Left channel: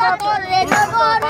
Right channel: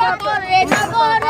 papá por amor.